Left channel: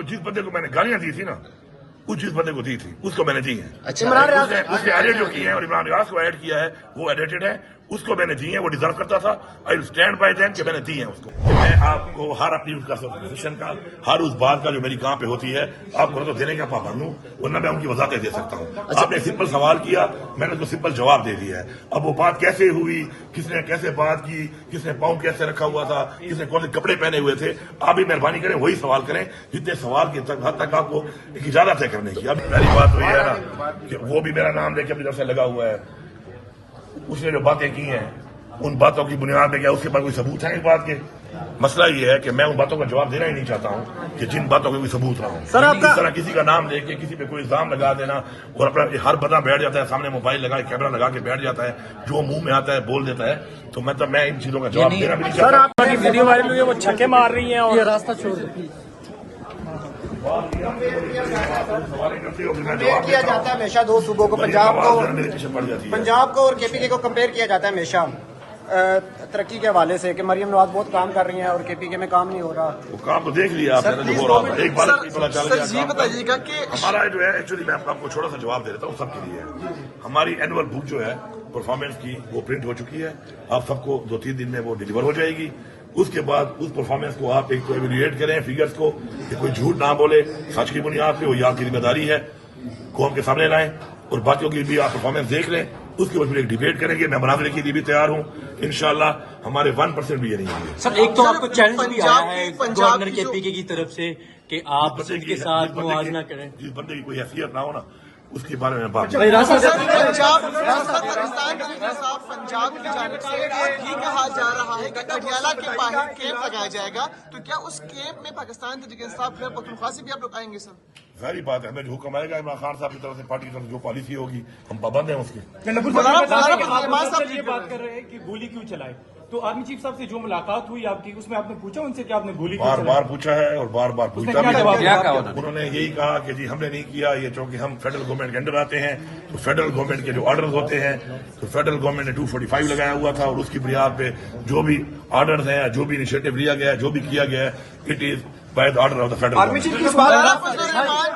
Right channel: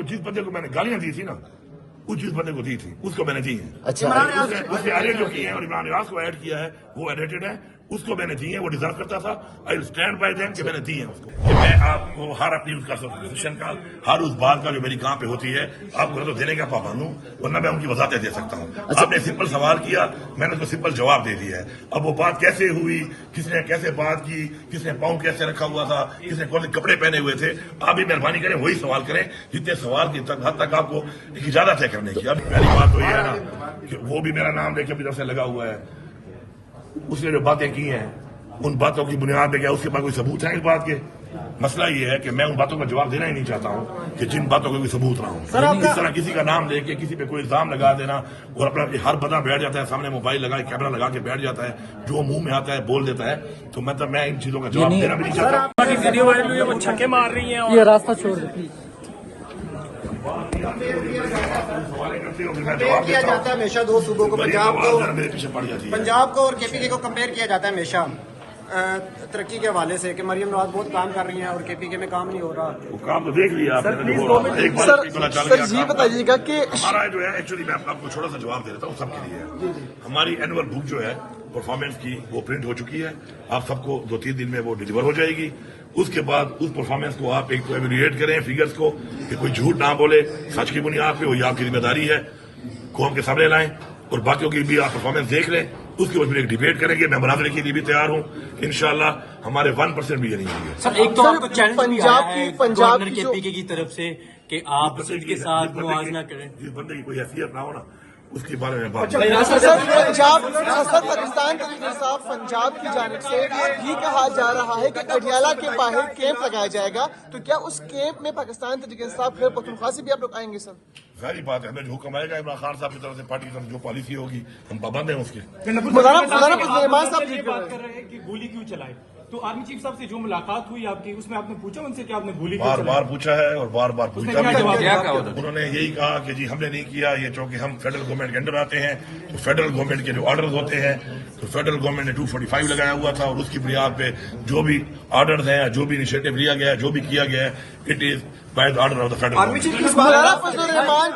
वो जिस बंदे को मैंने गालियां दी थी ना, उस जिस बंदे को दी थी उसको मैंने दी है। अच्छा, उसने एडिट जो किया है और इमरान रियाज को ऐड किया है वो एडिटेड है, उसको मैंने दी है, वो डिजर्व करता था। I will stand by them कि मैंने दी है उसको। मैं आपको हर अपनी उसका सब्सक्रिप्शन का, हर उस बात का जो मेरी कहाँ पे होती है आपको तो देने का पाबंद हूँ, वरना मैं उनकी वजाहतें दे सकता हूँ। आपने सिंपल सवाल किया, मैंने उसको सिंपल जवाब दे दिया है। अब वो बात कैसे हुई, किसने कैसे बात की, किसने पाउंड कैसे रखा हुआ था, किसने कौन से कपड़े पहने हुए थे, आप भी मेहरबानी करें वही सवाल करें जितने सवाल की हद तक आपको एक इजाजत है करने की। अब पहली बात तो ये है ना कि वो भी मेरा नाम लेके अपनी तरफ से लगा हुआ है, उसने जो बातें की हैं उन बातों की बुनियाद में क्या उसके पास कोई सबूत है इस बात के? मसला ये है कि मैं उन बातों का जवाब देना ही नहीं चाहता हूँ कि जिन बातों का कोई सबूत ना हो। इस तरह किसी का नाम लेके किसी पे कोई इल्जाम लगा देना और अपना हर बंदा बैठ जाता है सामने मोबाइल लगा कैमरा लगा के बैठ जाता है, जो मुंह में आता है बोल देता है, तो मैं इन चीजों का जवाब देना भी नहीं चाहता। वीडियो वायरल हुई है, वो छक्के मार रही हैं और ये रास्ता छोड़ दो प्लीज। मैं जवाब किया देता जाता है हूँ, हमेशा दो सूबों को, मेरे पीछे पड़ जाती है। पंजाब को और केपीके को कंपेयर किया जाता है हमेशा तरक्की के हवाले से कि मरियम नवाज बहुत काम कर रही हैं और केपीके में काम नहीं हो रहा। वो काम तो देख लिया आपने, सर ये बताइएगा कि हमारा जो है एक्चुअली मैं आपको छोटा सा जवाब दे देता हूँ सबके लिए। हमारी एनुअल बुक जो है परफॉर्मेंस की वो प्रिंट हो चुकी है, आप सबको 2-3 दिन में वो डिलीवर हो जाएगी। उसके बाद उस परफॉर्मेंस को आप एक तो एवेल्युएट करें फिगर्स को कि कोई झूठ ना बोले, सच की बुनियाद पे, वही आपकी जिम्मेदारी है, कौम के सामने लाएं और बाकियों की भी आप परफॉर्मेंस देख लें। उसके बाद फिर एक डिबेट करेंगे, मैं मुनाज़रे के लिए भी तैयार हूँ इंशाल्लाह। हमारे 1% भी ये नहीं है। सर एक तो आपको चैलेंज पंजाब की केपीके की तरफ से कि आप उनके साथ मुआवजा करें। जिस बंदे की कोई हैसियत ना हो ना उसके बारे में बात सर पाकिस्तान तहरीक इंसाफ पंजाब की जानिब से ये कहा जा रहा है कि अडियाला के बाहर कैंप लगाया जाएगा, तो क्या उस कैंप में पाकिस्तान तहरीक इंसाफ खैबर पख्तूनख्वा से भी आप लोग आएंगे? सर सारी बात है, हमें जो हुक्म आएगा इमरान खान साहब की तरफ से, पार्टी की तरफ से जो पॉलिसी होगी हम पाबंद हैं उसके। मौलाना साहब बात कर रहे हैं कि गोली क्यों चलाई, तो आर्मी चीफ साहब से जो मुलाकात हुई आपकी उसमें आपने पूछा उनसे कि आपने गोली बार बार पूछा है और बार बार पूछा भी है। उन्होंने यही कहा कि जी हमने नहीं किया ये, चूंकि हम फेडरल गवर्नमेंट के अंडर आते हैं तो फेडरल गवर्नमेंट के जो ऑर्डर्स होते हैं तो फेडरल गवर्नमेंट ने 245 लगाया हुआ था और उसकी बुनियाद पे जो भी ऑर्डर्स हैं, जो भी इनिशिएटिव लिया गया है, जो भी किया गया है, it is by the order of the federal government. मौलाना फजलुर रहमान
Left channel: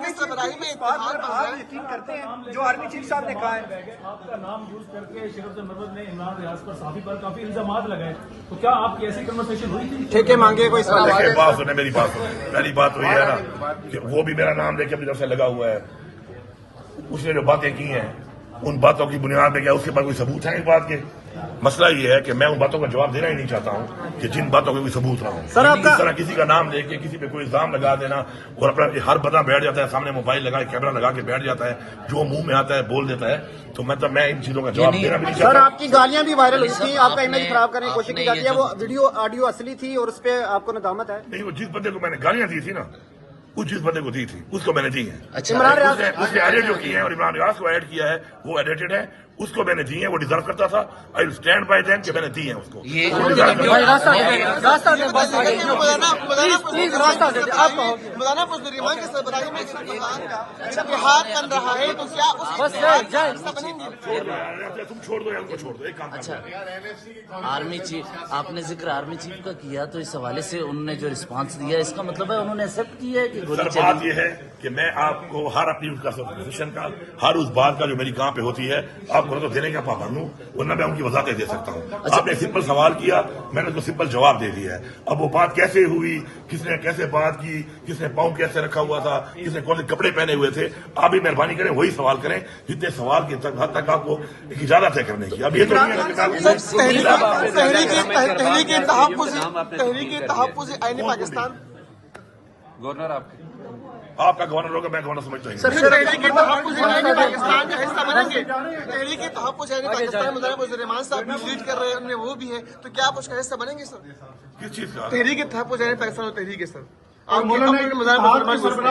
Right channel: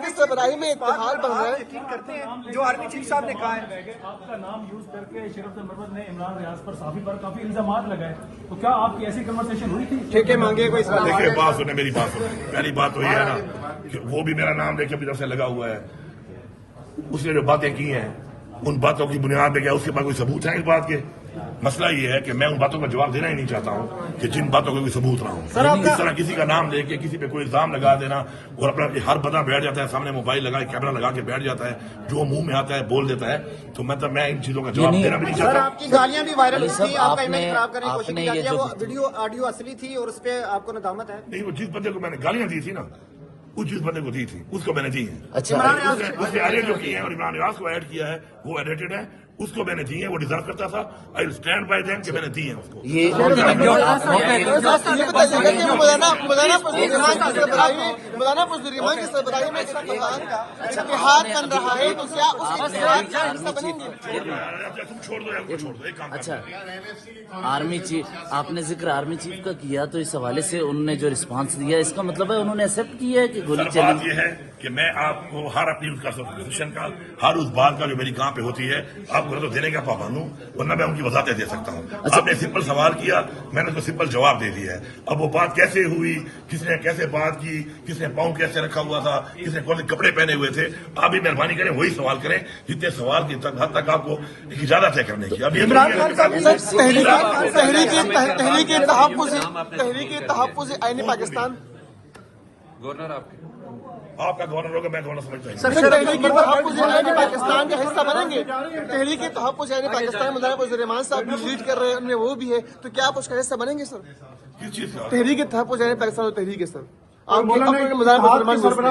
की सरबराही में इत्तेहाद बन रहा है। यकीन करते हैं जो आर्मी चीफ साहब ने कहा है आपका नाम यूज करके शरीफ मरवत ने इमरान रियाज पर सहाफी पर काफी इल्जामात लगाए, तो क्या आपकी ऐसी कन्वर्सेशन हुई थी? ठेके मांगे कोई सवाल? देखिए बात सुने, मेरी बात सुने। पहली बात तो ये है ना कि वो भी मेरा नाम लेके अपनी तरफ से लगा हुआ है, उसने जो बातें की हैं उन बातों की बुनियाद में क्या उसके पास कोई सबूत है इस बात के? मसला ये है कि मैं उन बातों का जवाब देना ही नहीं चाहता हूँ कि जिन बातों का कोई सबूत ना हो। इस तरह किसी का नाम लेके किसी पे कोई इल्जाम लगा देना और अपना हर बंदा बैठ जाता है सामने मोबाइल लगा कैमरा लगा के बैठ जाता है, जो मुंह में आता है बोल देता है, तो मैं इन चीजों का जवाब देना भी नहीं सर चाहता। आपकी गालियां भी वायरल हुई थी, आपका इमेज खराब करने की कोशिश की जाती है, वो वीडियो ऑडियो असली थी और उस पर आपको नदामत है? नहीं, वो जिस बंदे को मैंने गालियां दी थी ना, उस जिस बंदे को दी थी उसको मैंने दी है। अच्छा, उसने एडिट जो किया है और इमरान रियाज को ऐड किया है वो एडिटेड है, उसको मैंने दी है, वो डिजर्व करता था। I will stand by them कि मैंने दी है उसको। ये ये बताइएगा कि मौलाना फजलुर रहमान की सरबराही में इत्तेहाद बन रहा है, तो क्या उस इत्तेहाद का हिस्सा बनेंगे? तुम छोड़ दो यार, छोड़ दो, एक काम करते हैं। आर्मी चीफ, आपने जिक्र आर्मी चीफ का किया, तो इस हवाले से उन्होंने जो रिस्पांस दिया इसका मतलब है उन्होंने एक्सेप्ट किया है कि गोली सर बात चली? यह है कि मैं आपको हर अपनी उसका सब्सक्रिप्शन का, हर उस बात का जो मेरी कहाँ पे होती है आपको तो देने का पाबंद हूँ, वरना मैं उनकी वजाहतें दे सकता हूँ। आपने सिंपल सवाल किया, मैंने उसको सिंपल जवाब दे दिया है। अब वो बात कैसे हुई, किसने कैसे बात की, किसने पाउंड कैसे रखा हुआ था, किसने कौन से कपड़े पहने हुए थे, आप भी मेहरबानी करें वही सवाल करें जितने सवाल की हद तक आपको एक इजाजत है करने की। अब ये तहरीक तहफ़्फ़ुज़ आईन पाकिस्तान आपका गवर्नर होगा, मैं गवर्नर समझता हूँ। तहरीक तहफ़्फ़ुज़ आईन पाकिस्तान का हिस्सा बनेंगे? तहरीक तहफ़्फ़ुज़ आईन पाकिस्तान मौलाना फजलुर रहमान साहब भी लीड कर रहे हैं, उनमें वो भी है, तो क्या आप उसका हिस्सा बनेंगे? सर किस चीज का? तहरीक तहफ़्फ़ुज़ आईन पाकिस्तान और तहरीक है सर, आप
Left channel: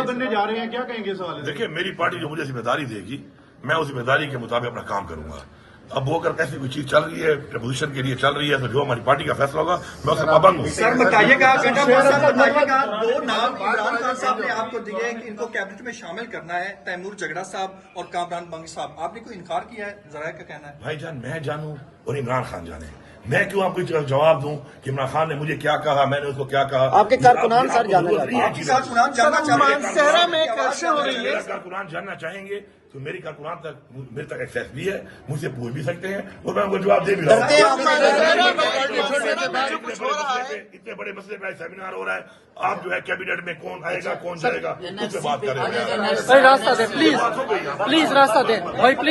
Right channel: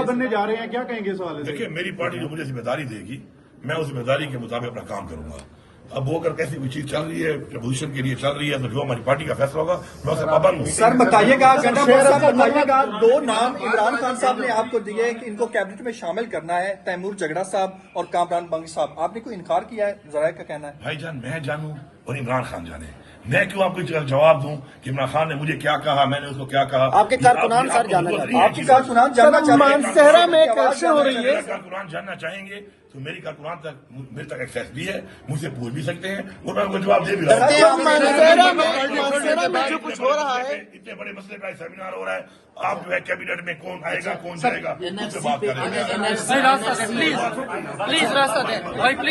बनने जा रहे हैं, क्या कहेंगे इस हवाले से? देखिए मेरी पार्टी जो मुझे जिम्मेदारी देगी मैं उस जिम्मेदारी के मुताबिक अपना काम करूंगा। अब वो अगर कैसी कोई चीज चल रही है, अपोजिशन के लिए चल रही है, तो जो हमारी पार्टी का फैसला होगा मैं उससे पाबंद हूँ। सर बताइएगा 2 नाम इमरान खान साहब ने आपको दिए, इनको कैबिनेट में शामिल करना है, तैमूर जगड़ा साहब और कामरान बंग साहब, आपने कोई इनकार किया है? जरा का कहना है भाईजान मैं जानूं और इमरान खान जाने, मैं क्यों आपको जवाब दूं कि इमरान खान ने मुझे क्या कहा, मैंने उसको क्या कहा? आपके कारकुनान सर जानना चाहते हैं। आपके कारकुनान सर जानना चाहते हैं। मानसेहरा में करप्शन हो रही है। कारकुनान जानना चाहेंगे तो मेरी कारकुनान तक मेरे तक एक्सेस भी है, मुझसे पूछ भी सकते हैं और मैं उनको जवाब दे भी रहा हूँ। तो मानसेहरा में जो कुछ हो रहा है, इतने बड़े मसले का सेमिनार हो रहा है, आप जो है कैबिनेट में कौन आएगा कौन जाएगा, इस पर बात करेंगे। प्लीज रास्ता दें भाई, प्लीज।